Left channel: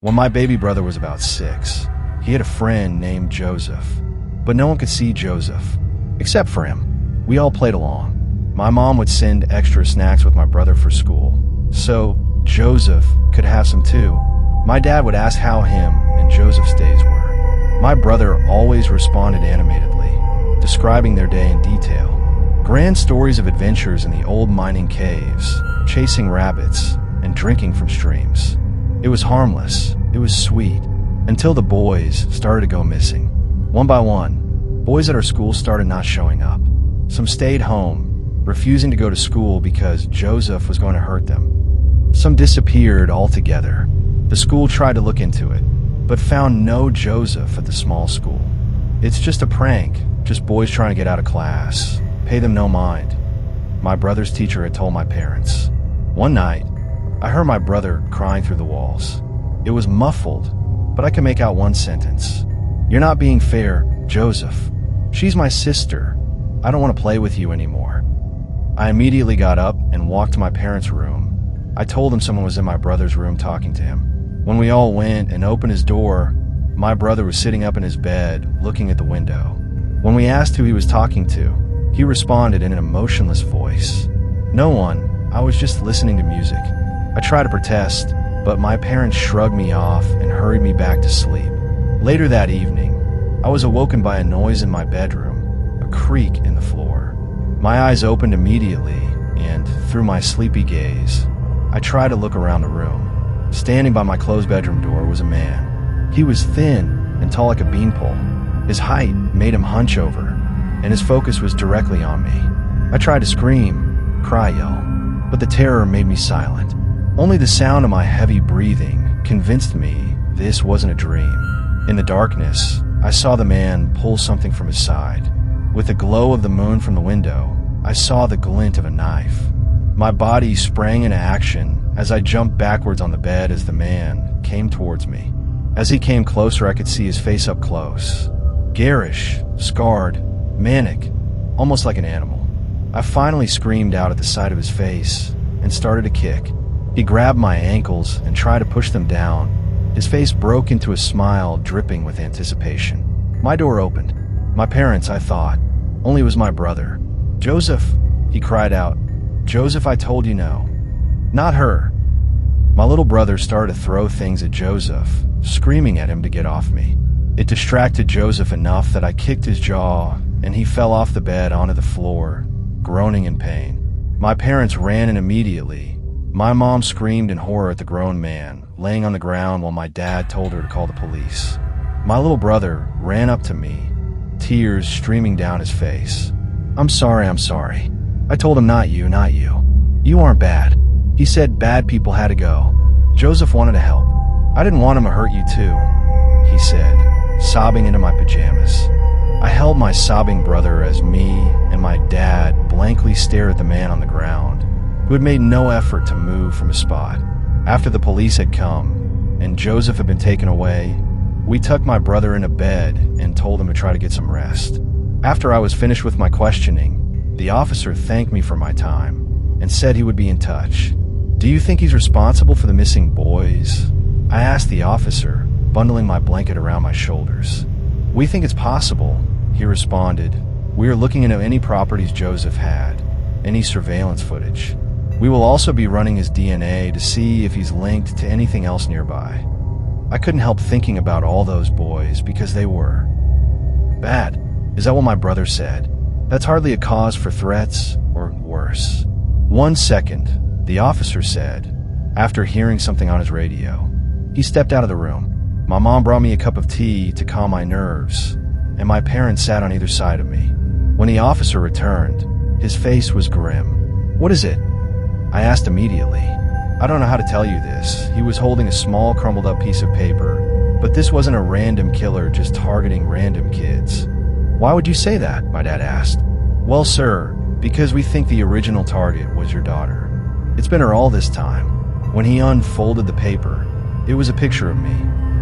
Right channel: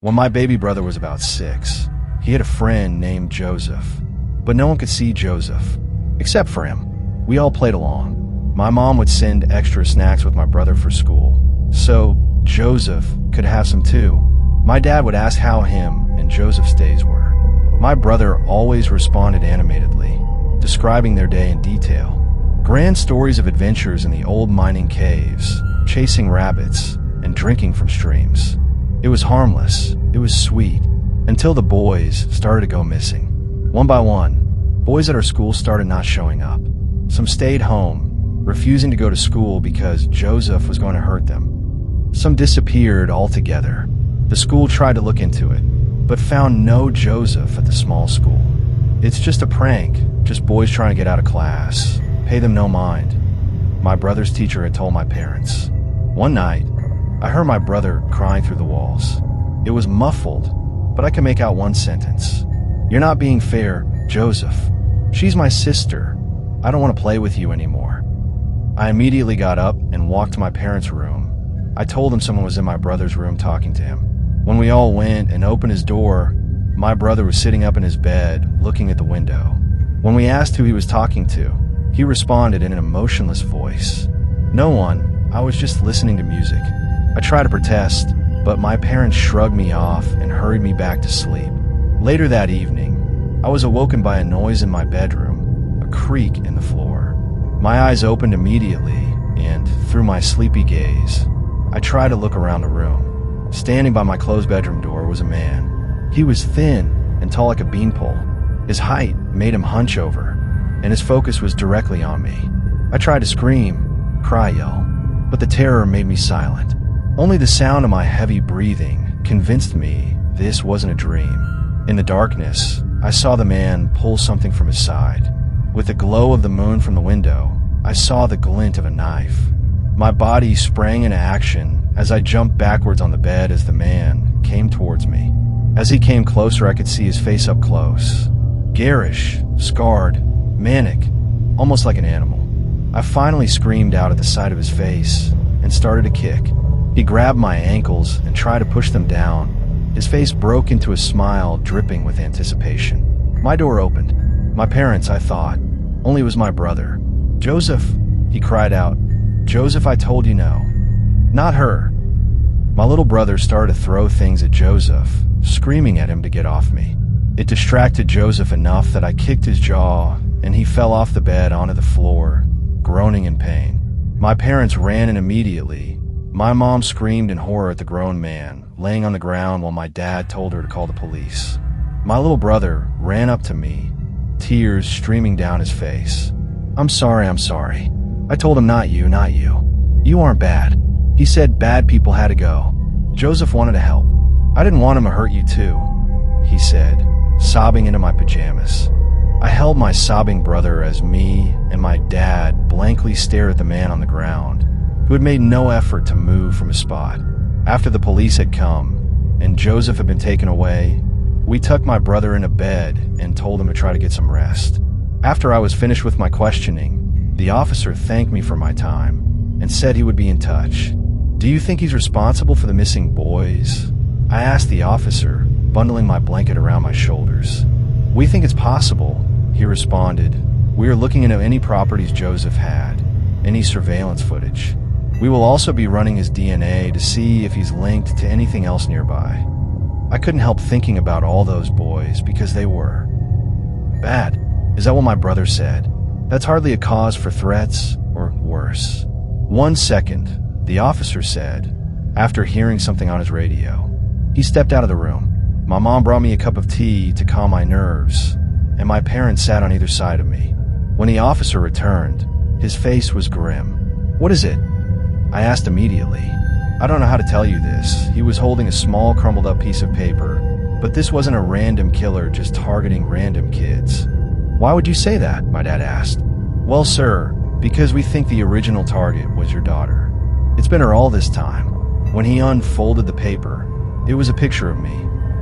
When my baby brother was about 6, he had a friend named Joseph, but no one could see Joseph, except for him. We all played along. My mom would send extra snacks with my brother for school, so Joseph could have some too. My dad would ask how him and Joseph's days were. My brother always responded animatedly, describing their day in detail. Grand stories of adventures in the old mining caves, chasing rabbits, and drinking from streams. It was harmless, it was sweet, until the boys started to go missing. One by one, boys at our school started not showing up. Some stayed home, refusing to go to school because Joseph was going to hurt them. Some disappeared altogether. The school tried to look into it, but found no Joseph at the small school. It's just a prank, just boys trying to get out of class. Pay them no mind. My brother's teacher had told my parents. One night, I heard my brother crying through the walls. It was muffled, but I could make out one sentence. "You're not being fair, Joseph. She's my sister. I don't want to play with you anymore." I immediately got up and walked to my parents' room. I told them someone was in my brother's room talking to him. When we all went and opened his door, my brother was sitting up in his bed, looking at the window. When we asked who he was talking to, he responded in an emotionless voice. "No one, I was just listening to music." I tried to protest, but my parents shrugged me off and hurried me back to sleep. Later that evening, I was awoken by a noise in my bedroom, a creak in the floor. My eyes opened immediately, and through my sleepy gaze, I tried to look around the room. Standing by my closed bedroom door was a man. He was thin and tall like a beanpole. His height made him hunch over, and his focus was directly on me. I tried to scream, yell, but the terror made me silent. Only the sound of my heavy breathing convinced me this wasn't a dream. In the darkness, I saw the man pull something from his side. With the glow of the moon from the window, I saw the glint of a knife. My body sprang into action as I jumped backwards on the bed as the man came towards me. As he came closer, I could see his face up close. Garish, scarred, manic, almost like an animal. I finally screamed out at the sight of his face and started to kick. He grabbed my ankles and tried to push them down. His face broke into a smile dripping with anticipation. My door opened. My parents, I thought. Only it was my brother. "Joseph," he cried out. "Joseph, I told you no." "Not her." My little brother started to throw things at Joseph, screaming at him to get off me. It distracted Joseph enough that I kicked his jaw and he fell off the bed onto the floor, groaning in pain. My parents ran in immediately. My mom screamed in horror at the grown man, laying on the ground while my dad told her to call the police. My little brother ran up to me, tears streaming down his face. I'm sorry. I told him not you. You aren't bad." He said bad people had to go. Joseph wanted to help. "I didn't want him to hurt you too," he said, sobbing into my pajamas. I held my sobbing brother as me and my dad blankly stared at the man on the ground, who had made no effort to move from his spot. After the police had come and Joseph had been taken away, we tucked my brother in a bed and told him to try to get some rest. After I was finished with my questioning, the officer thanked me for my time and said he would be in touch. "Do you think he's responsible for the missing boys?" I asked the officer, bundling my blanket around my shoulders. "We think it's possible," he responded. "We are looking into any properties Joseph had, any surveillance footage. We will also be running his DNA to see if he's linked to anything else nearby." I couldn't help thinking about all those boys because they were bad. Is that what my brother said? That's hardly a cause for threats, or worse. "1 second, the officer said, after hearing something on his radio. He stepped out of the room. My mom brought me a cup of tea to calm my nerves, and my parents sat on either side of me. When the officer returned, his face was grim. "What is it?" I asked immediately. I don't know how to tell you this. He was holding a small crumbled up piece of paper, but this wasn't a random killer just targeting random kids. "Why would you say that?" my dad asked. "Well, sir, because we think the original target was your daughter. It's been her all this time." When he unfolded the paper, it was a picture of me,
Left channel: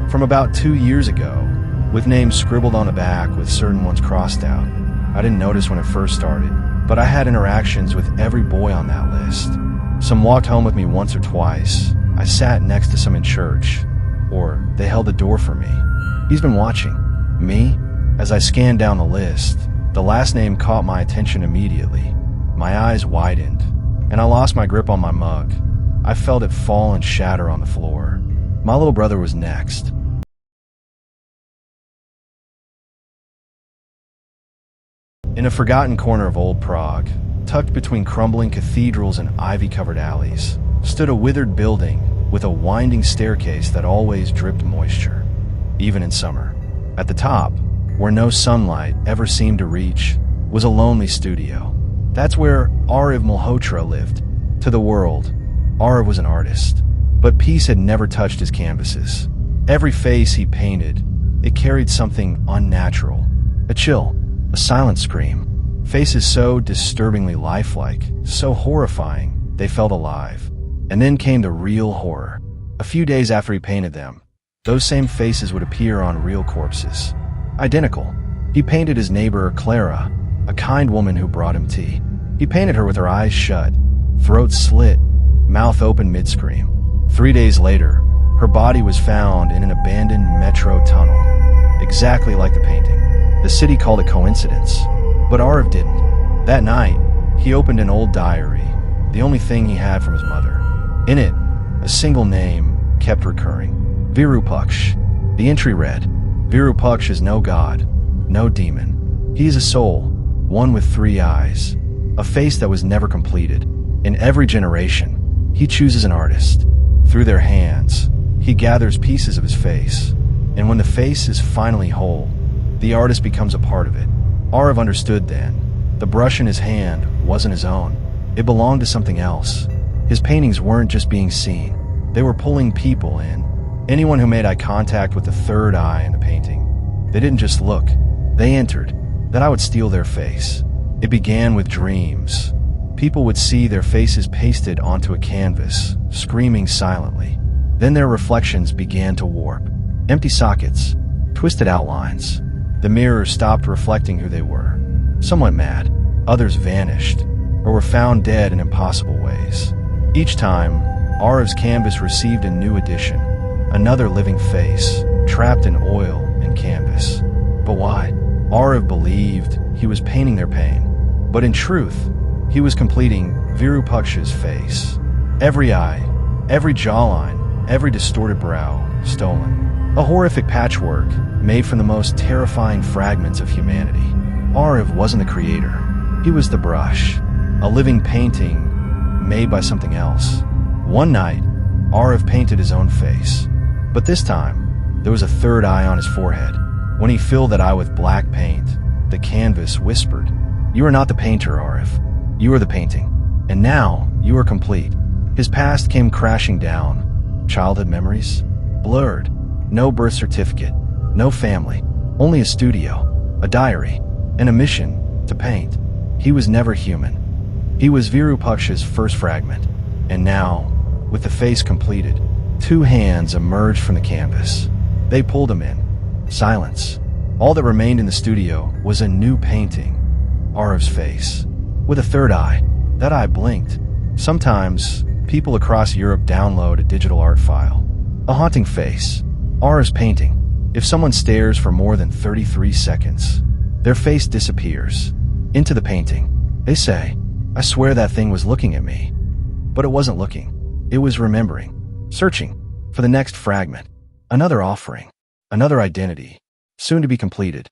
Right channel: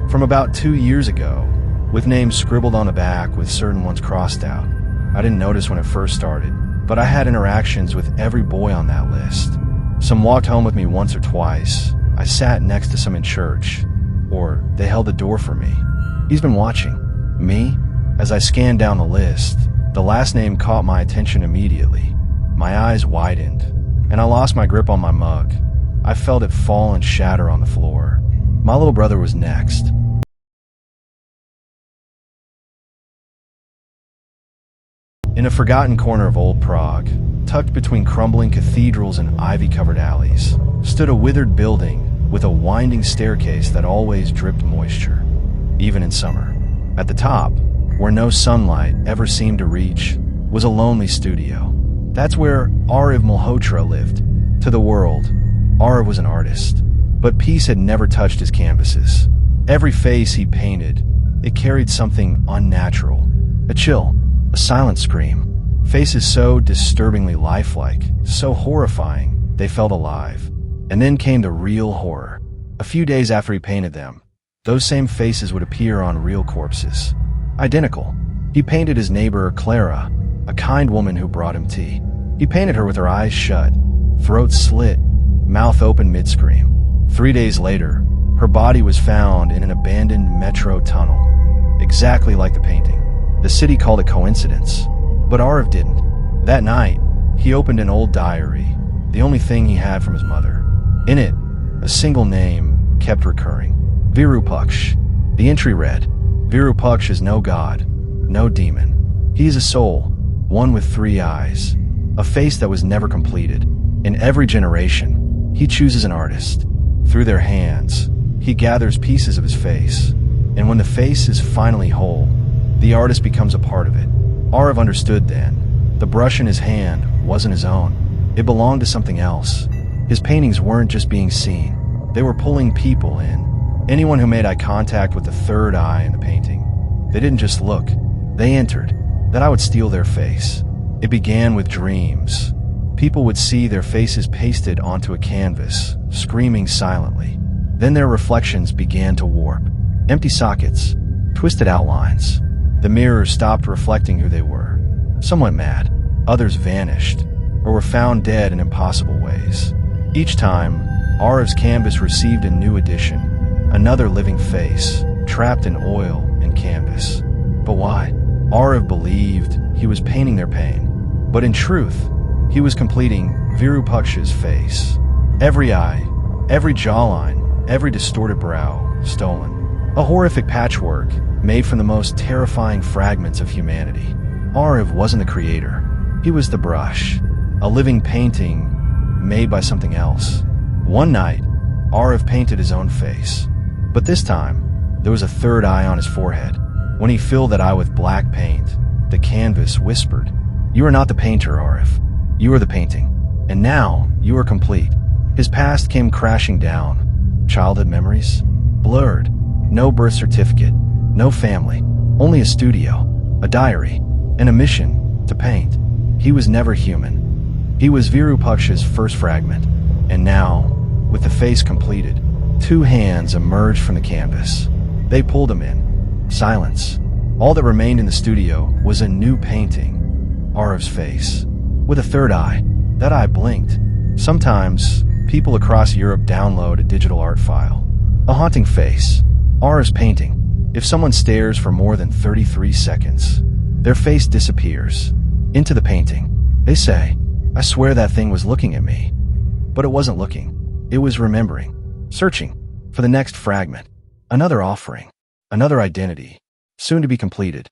from about 2 years ago, with names scribbled on the back with certain ones crossed out. I didn't notice when it first started, but I had interactions with every boy on that list. Some walked home with me once or twice. I sat next to some in church. or they held the door for me. He's been watching. Me? As I scanned down the list, the last name caught my attention immediately. My eyes widened, and I lost my grip on my mug. I felt it fall and shatter on the floor. My little brother was next. In a forgotten corner of old Prague, tucked between crumbling cathedrals and ivy-covered alleys, stood a withered building with a winding staircase that always dripped moisture, even in summer. At the top, where no sunlight ever seemed to reach, was a lonely studio. That's where Ariv Malhotra lived. To the world, Ariv was an artist, but peace had never touched his canvases. Every face he painted, it carried something unnatural. A chill, a silent scream. Faces so disturbingly lifelike, so horrifying, they felt alive. And then came the real horror. A few days after he painted them, those same faces would appear on real corpses. Identical. He painted his neighbor, Clara, a kind woman who brought him tea. He painted her with her eyes shut, throat slit, mouth open mid-scream. 3 days later, her body was found in an abandoned metro tunnel, exactly like the painting. The city called it coincidence, but Ariv didn't. That night, he opened an old diary, the only thing he had from his mother. In it, a single name kept recurring. Virupaksha. The entry read, Virupaksha is no god, no demon. He is a soul, one with 3 eyes, a face that was never completed. In every generation, he chooses an artist. Through their hands, he gathers pieces of his face. And when the face is finally whole, the artist becomes a part of it. Ariv understood then. The brush in his hand wasn't his own. It belonged to something else. His paintings weren't just being seen. They were pulling people in. Anyone who made eye contact with the third eye in the painting. They didn't just look. They entered. That I would steal their face. It began with dreams. People would see their faces pasted onto a canvas, screaming silently. Then their reflections began to warp. Empty sockets, twisted outlines. The mirrors stopped reflecting who they were. Some went mad. Others vanished, or were found dead in impossible ways. Each time, Ariv's canvas received a new edition, another living face, trapped in oil and canvas. But why? Ariv believed he was painting their pain, but in truth, he was completing Virupaksha's face. Every eye, every jawline, every distorted brow, stolen. A horrific patchwork made from the most terrifying fragments of humanity. Ariv wasn't the creator. He was the brush, a living painting made by something else. One night, Ariv painted his own face. But this time, there was a third eye on his forehead. When he filled that eye with black paint, the canvas whispered, "You are not the painter, Ariv. You are the painting. And now, you are complete." His past came crashing down. Childhood memories? Blurred. No birth certificate. No family. Only a studio. A diary. And a mission to paint. He was never human. He was Virupaksha's first fragment. And now, with the face completed, 2 hands emerged from the canvas. They pulled him in. Silence. All that remained in the studio was a new painting. Ariv's face. With a third eye. That eye blinked. Sometimes, people across Europe download a digital art file. A haunting face. Ariv's painting. If someone stares for more than 33 seconds, their face disappears. Into the painting. They say, "I swear that thing was looking at me." But it wasn't looking. It was remembering. Searching for the next fragment. Another offering. Another identity. Soon to be completed.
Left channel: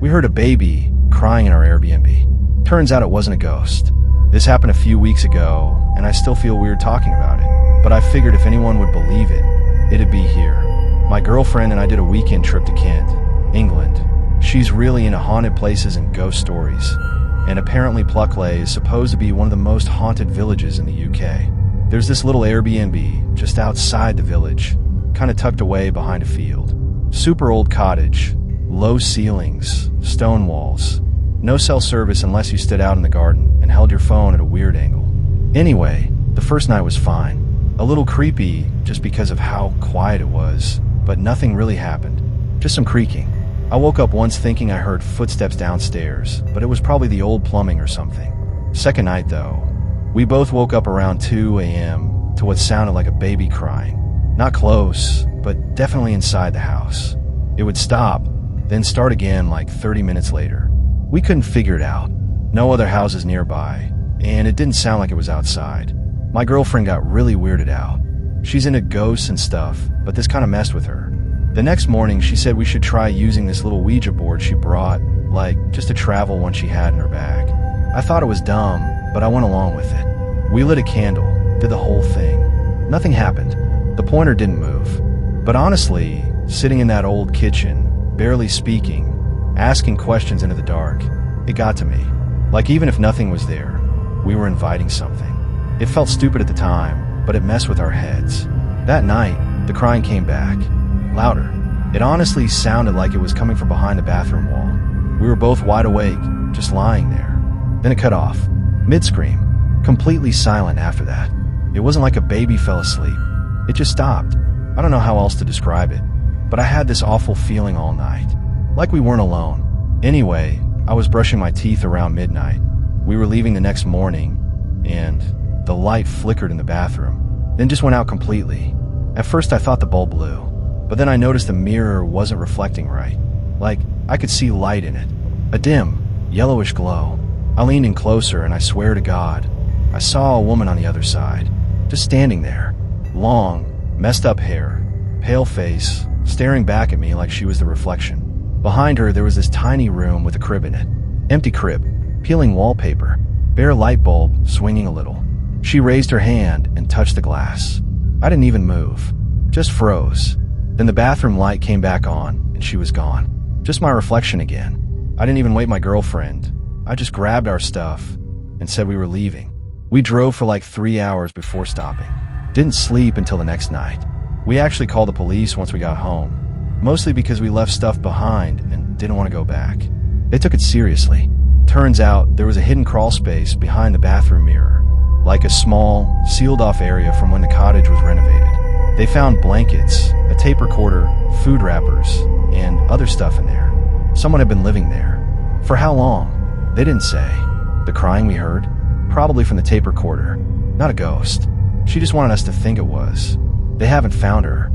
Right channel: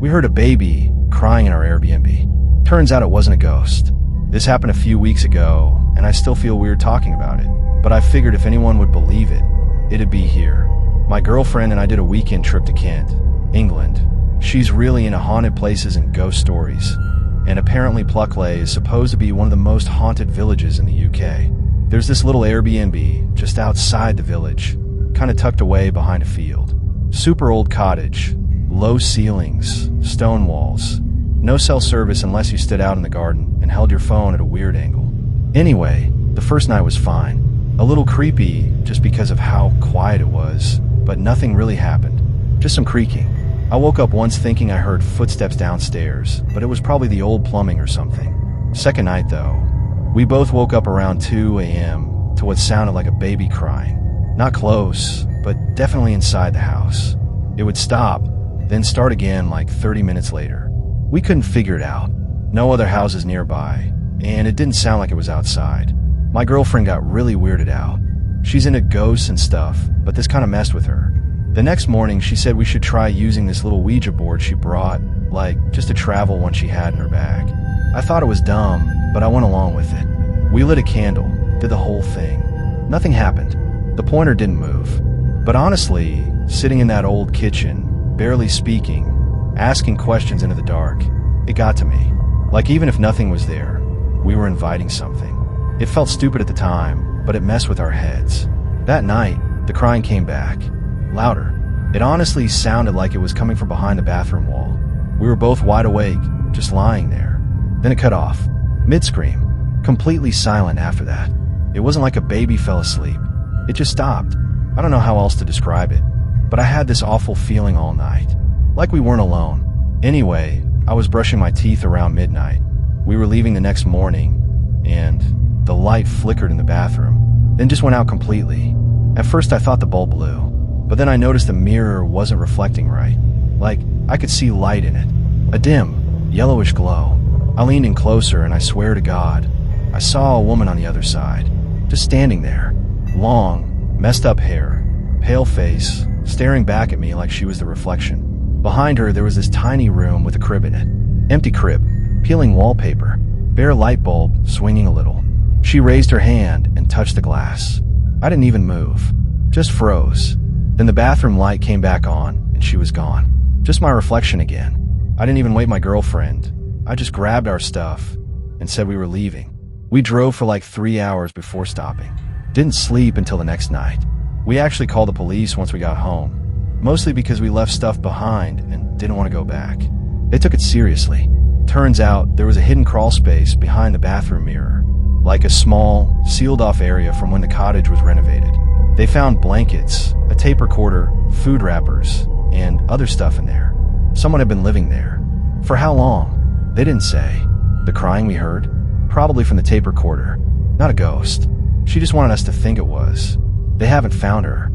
We heard a baby crying in our Airbnb. Turns out it wasn't a ghost. This happened a few weeks ago, and I still feel weird talking about it. But I figured if anyone would believe it, it'd be here. My girlfriend and I did a weekend trip to Kent, England. She's really into haunted places and ghost stories. And apparently Pluckley is supposed to be one of the most haunted villages in the UK. There's this little Airbnb just outside the village, kind of tucked away behind a field. Super old cottage, low ceilings, stone walls. No cell service unless you stood out in the garden and held your phone at a weird angle. Anyway, the first night was fine. A little creepy just because of how quiet it was, but nothing really happened. Just some creaking. I woke up once thinking I heard footsteps downstairs, but it was probably the old plumbing or something. Second night though, We both woke up around 2 a.m. to what sounded like a baby crying. Not close, but definitely inside the house. It would stop, then start again like 30 minutes later. We couldn't figure it out. No other houses nearby, and it didn't sound like it was outside. My girlfriend got really weirded out. She's into ghosts and stuff, but this kind of messed with her. The next morning, she said we should try using this little Ouija board she brought, like just a travel one she had in her bag. I thought it was dumb, but I went along with it. We lit a candle, did the whole thing. Nothing happened. The pointer didn't move. But honestly, sitting in that old kitchen, barely speaking, asking questions into the dark, it got to me. Like even if nothing was there, we were inviting something. It felt stupid at the time, but it messed with our heads. That night, the crying came back. Louder. It honestly sounded like it was coming from behind the bathroom wall. We were both wide awake, just lying there. Then it cut off. Mid-scream. Completely silent after that. It wasn't like a baby fell asleep. It just stopped. I don't know how else to describe it, but I had this awful feeling all night. Like we weren't alone. Anyway, I was brushing my teeth around midnight. We were leaving the next morning, and the light flickered in the bathroom, then just went out completely. At first I thought the bulb blew, but then I noticed the mirror wasn't reflecting right. Like, I could see light in it. A dim, yellowish glow. I leaned in closer, and I swear to God, I saw a woman on the other side, just standing there. Long, messed up hair, pale face, staring back at me like she was the reflection. Behind her, there was this tiny room with a crib in it. Empty crib, peeling wallpaper, bare light bulb swinging a little. She raised her hand and touched the glass. I didn't even move, just froze. Then the bathroom light came back on, and she was gone. Just my reflection again. I didn't even wake my girlfriend. I just grabbed our stuff and said we were leaving. We drove for like 3 hours before stopping. Didn't sleep until the next night. We actually called the police once we got home, mostly because we left stuff behind and didn't want to go back. They took it seriously. Turns out there was a hidden crawl space behind the bathroom mirror, like a small, sealed-off area from when the cottage was renovated. They found blankets, a tape recorder, food wrappers, and other stuff in there. Someone had been living there. For how long? They didn't say. The crying we heard? Probably from the tape recorder. Not a ghost. She just wanted us to think it was. They haven't found her.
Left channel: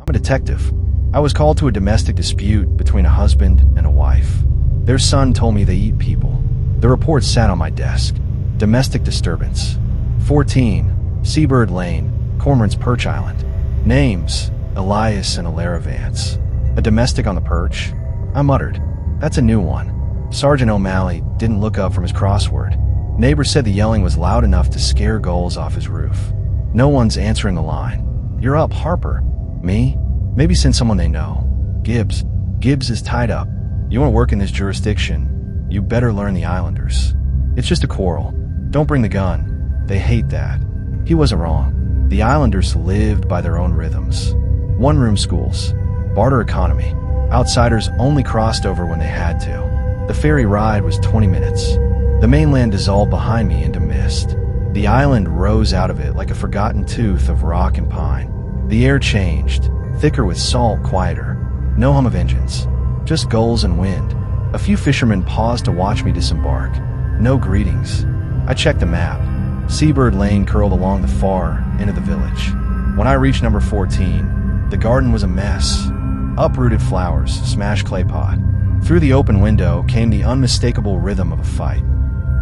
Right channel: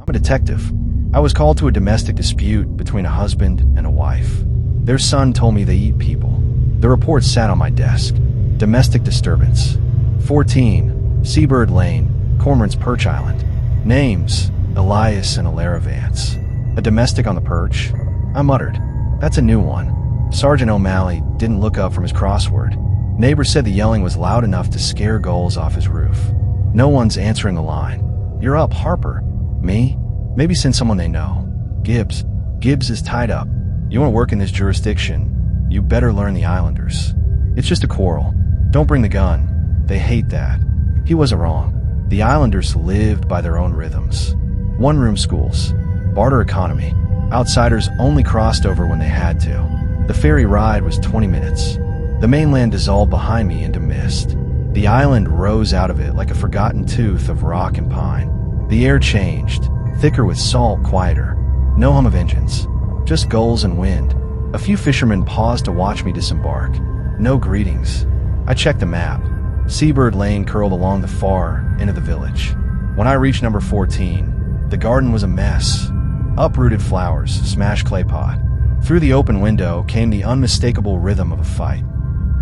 I'm a detective. I was called to a domestic dispute between a husband and a wife. Their son told me they eat people. The report sat on my desk. Domestic disturbance. 14, Seabird Lane, Cormorant's Perch Island. Names, Elias and Alara Vance. A domestic on the perch? I muttered. That's a new one. Sergeant O'Malley didn't look up from his crossword. Neighbors said the yelling was loud enough to scare gulls off his roof. No one's answering the line. You're up, Harper. Me? Maybe send someone they know. Gibbs. Gibbs is tied up. You want to work in this jurisdiction, you better learn the Islanders. It's just a quarrel. Don't bring the gun. They hate that. He wasn't wrong. The Islanders lived by their own rhythms. One-room schools. Barter economy. Outsiders only crossed over when they had to. The ferry ride was 20 minutes. The mainland dissolved behind me into mist. The island rose out of it like a forgotten tooth of rock and pine. The air changed, thicker with salt, quieter. No hum of engines. Just gulls and wind. A few fishermen paused to watch me disembark. No greetings. I checked the map. Seabird Lane curled along the far end of the village. When I reached number 14, the garden was a mess. Uprooted flowers, smashed clay pot. Through the open window came the unmistakable rhythm of a fight.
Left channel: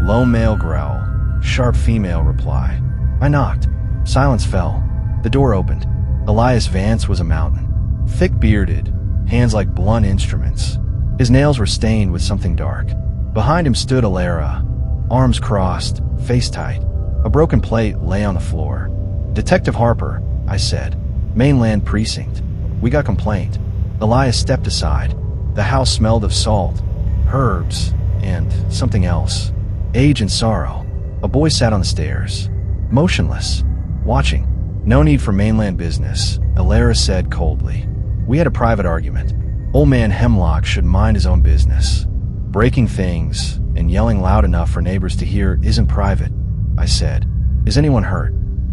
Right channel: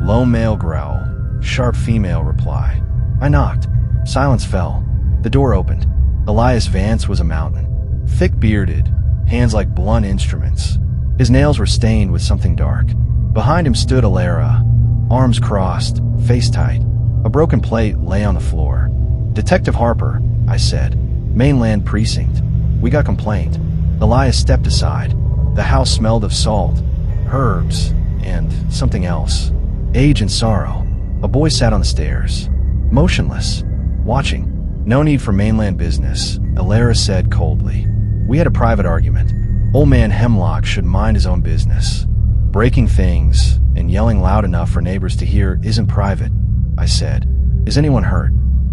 Low male growl, sharp female reply. I knocked. Silence fell. The door opened. Elias Vance was a mountain. Thick-bearded, hands like blunt instruments. His nails were stained with something dark. Behind him stood Alara, arms crossed, face tight. A broken plate lay on the floor. Detective Harper, I said. Mainland Precinct. We got complaint. Elias stepped aside. The house smelled of salt, herbs, and something else. Age and sorrow. A boy sat on the stairs, motionless, watching. No need for mainland business, Alara said coldly. We had a private argument. Old man Hemlock should mind his own business. Breaking things and yelling loud enough for neighbors to hear isn't private, I said. Is anyone hurt?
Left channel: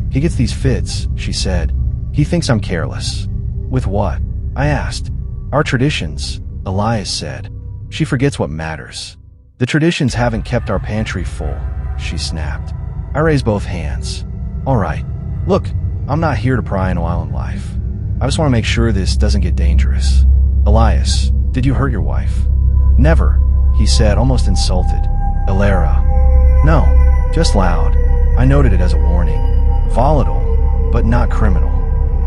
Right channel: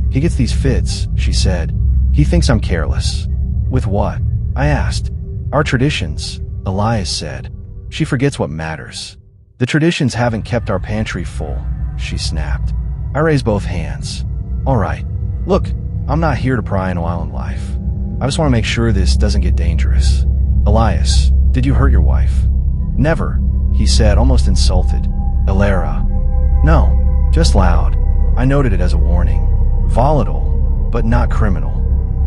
He gets these fits, she said. He thinks I'm careless. With what? I asked. Our traditions, Elias said. She forgets what matters. The traditions haven't kept our pantry full, she snapped. I raised both hands. All right. Look, I'm not here to pry into island life. I just want to make sure this doesn't get dangerous. Elias, did you hurt your wife? Never, he said, almost insulted. Elara. No, just loud. I noted it as a warning. Volatile, but not criminal.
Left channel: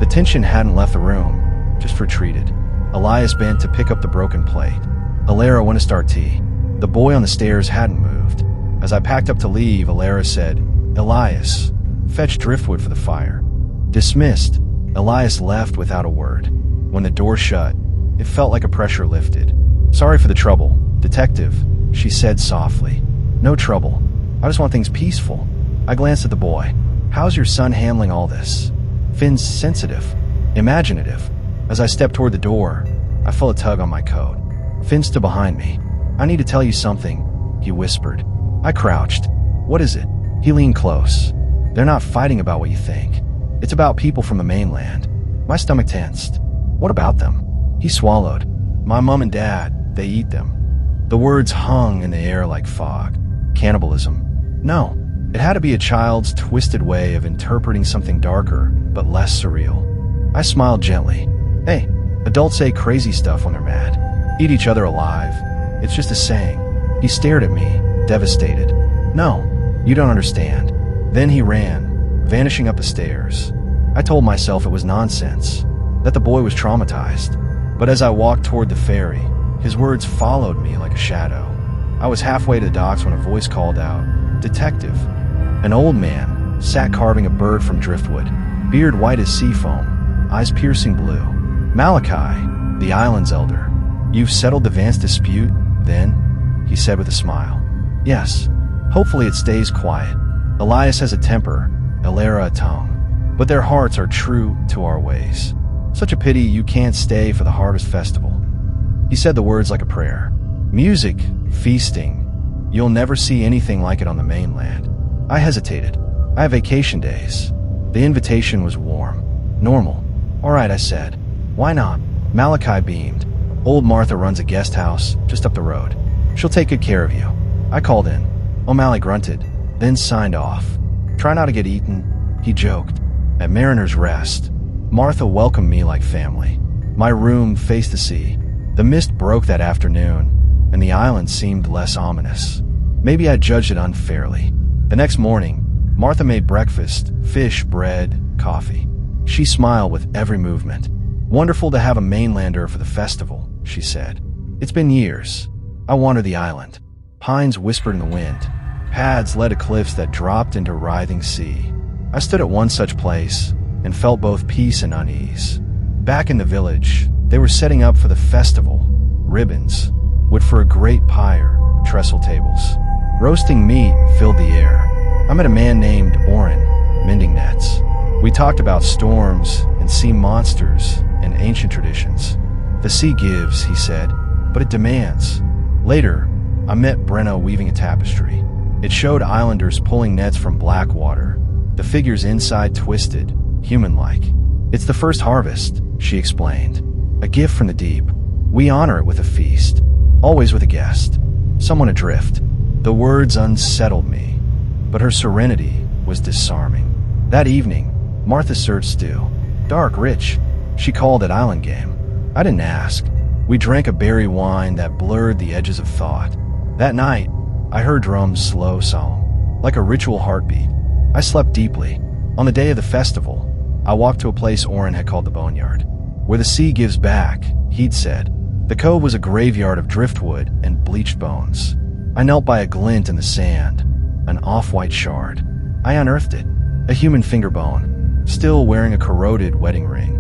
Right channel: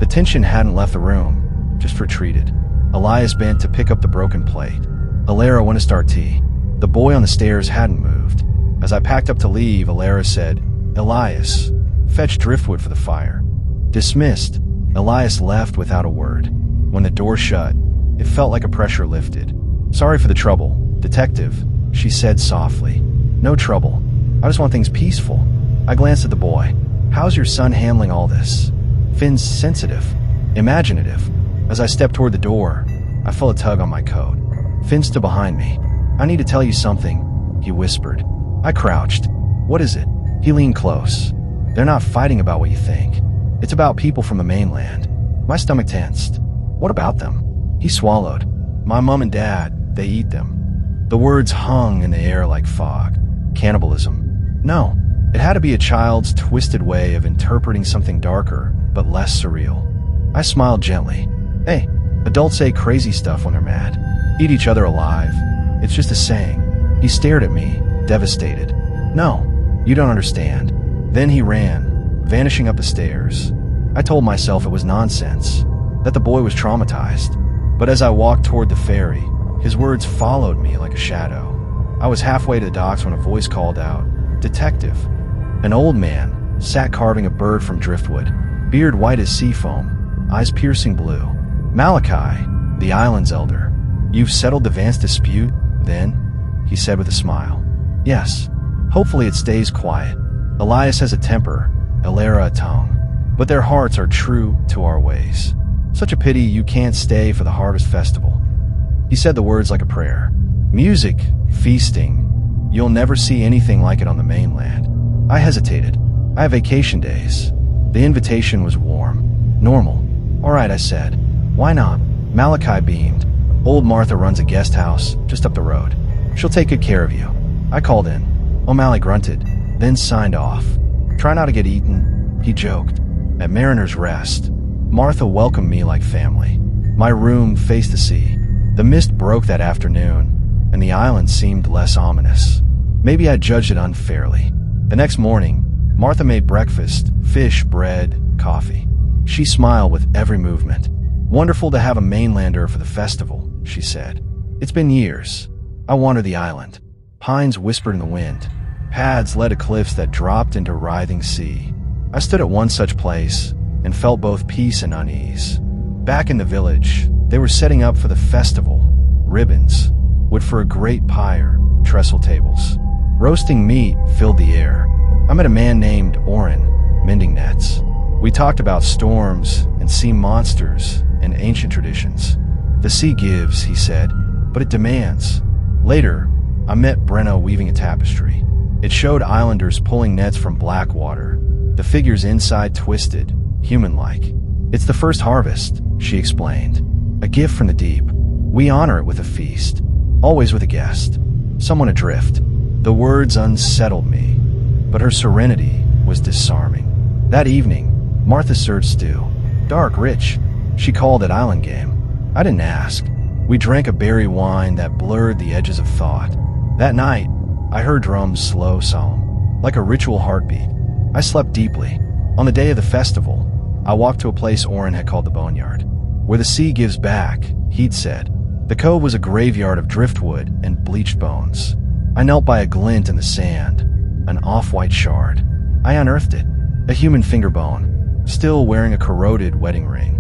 The tension hadn't left the room, just retreated. Elias bent to pick up the broken plate. Elara went to start tea. The boy on the stairs hadn't moved. As I packed up to leave, Elara said, Elias, fetch driftwood for the fire. Dismissed, Elias left without a word. When the door shut, it felt like a pressure lifted. Sorry for the trouble, detective, she said softly. No trouble. I just want things peaceful. I glanced at the boy. How's your son handling all this? Finn's sensitive, imaginative. As I stepped toward the door, I felt a tug on my coat. Finn stood behind me. I need to tell you something, he whispered. I crouched. What is it? He leaned close. They're not fighting about what you think. It's about people from the mainland. My stomach tensed. What about them? He swallowed. My mom and dad, they eat them. The words hung in the air like fog. Cannibalism. No, it had to be a child's twisted way of interpreting something darker, but less surreal. I smiled gently. Hey, adults say crazy stuff when they're mad. Eat each other alive. It's just a saying. He stared at me, devastated. No, you don't understand. Then he ran, vanishing up the stairs. I told myself it was nonsense, that the boy was traumatized. But as I walked toward the ferry, his words followed me like a shadow. I was halfway to the docks when a voice called out, Detective. An old man sat carving a bird from driftwood, beard white as sea foam, eyes piercing blue. Malachi, the island's elder. You've settled the Vance dispute, then? He said with a smile. Yes. Hopefully it stays quiet. Elias has a temper, Elara a tongue. But their hearts are true to our ways. Such a pity you can't stay for the harvest festival. He said the words like a prayer. Music, feasting. You'll never see anything like it on the mainland. I hesitated. I have vacation days. The invitation was warm. Normal. All right, I said. Why not? Malachi beamed. Old Martha runs a guest house just up the road. She'll take good care of you. I called in. O'Malley grunted, then signed off. Try not to get eaten, he joked. At Mariner's Rest, Martha welcomed me like family. My room faced the sea. The mist broke that afternoon, and the island seemed less ominous. Maybe I judged it unfairly. The next morning, Martha made breakfast, fish, bread, coffee. She smiled with every movement. Wonderful to have a mainlander for the festival, she said. It's been years. I wandered the island. Pines whispered in the wind. Paths led to cliffs that dropped into writhing sea. I stood at one such place and felt both peace and unease. Back in the village, they were setting up for the festival. Ribbons, wood for a great pyre, trestle tables. Roasting meat filled the air. I met a man named Oren, mending nets. We talked about storms and sea monsters and ancient traditions. The sea gives, he said, but it demands. Later, I met Brenna weaving a tapestry. It showed islanders pulling nets from black water, the figures inside twisted, human-like. It's the first harvest, she explained. A gift from the deep. We honor it with a feast, always with a guest, someone adrift. The words unsettled me, but her serenity was disarming. That evening, Martha served stew. Dark, rich. She called it island game. I didn't ask. We drank a berry wine that blurred the edges of thought. That night, I heard drums slow, solemn, like a ritual heartbeat. I slept deeply. On the day of the festival, I walked to a place Oren had called the Boneyard. Where the sea gives back, he'd said. The cove was a graveyard of driftwood and bleached bones. I knelt by a glint in the sand, an off-white shard. I unearthed it, a human finger bone, still wearing a corroded wedding ring.